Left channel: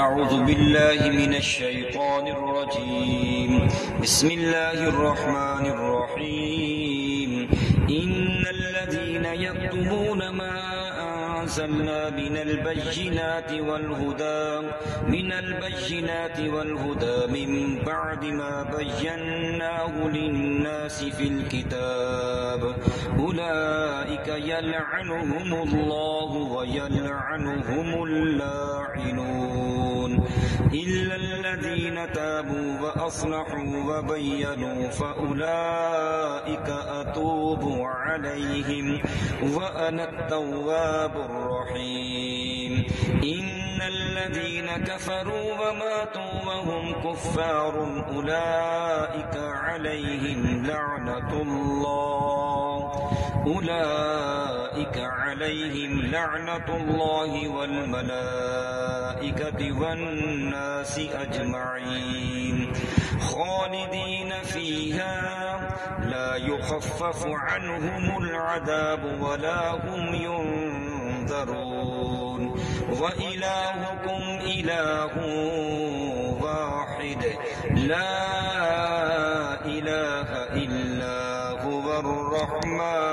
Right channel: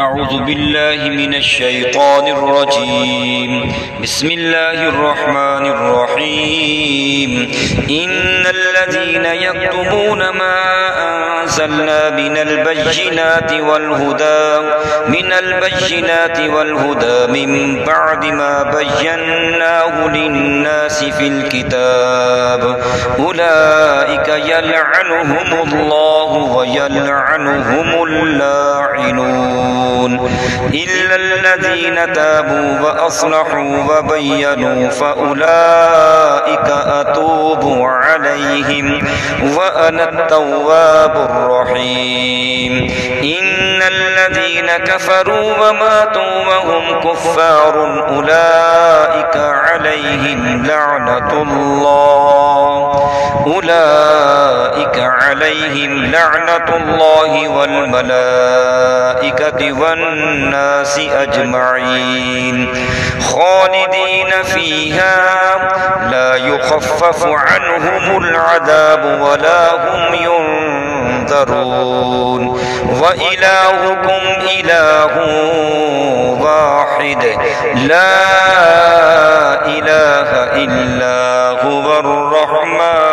أعوذ بالله من الشيطان الرجيم. بسم الله الرحمن الرحيم. إن الذين يكتمون ما أنزلنا من البينات والهدى من بعد ما بيناه للناس في الكتاب أولئك يلعنهم الله ويلعنهم اللاعنون إلا الذين تابوا وأصلحوا وبينوا فأولئك أتوب عليهم وأنا التواب الرحيم. إن الذين كفروا وماتوا وهم كفار أولئك عليهم لعنة الله والملائكة والناس أجمعين خالدين فيها لا يخفف عنهم العذاب ولا هم ينذرون وإلهكم إله واحد لا إله إلا هو الرحمن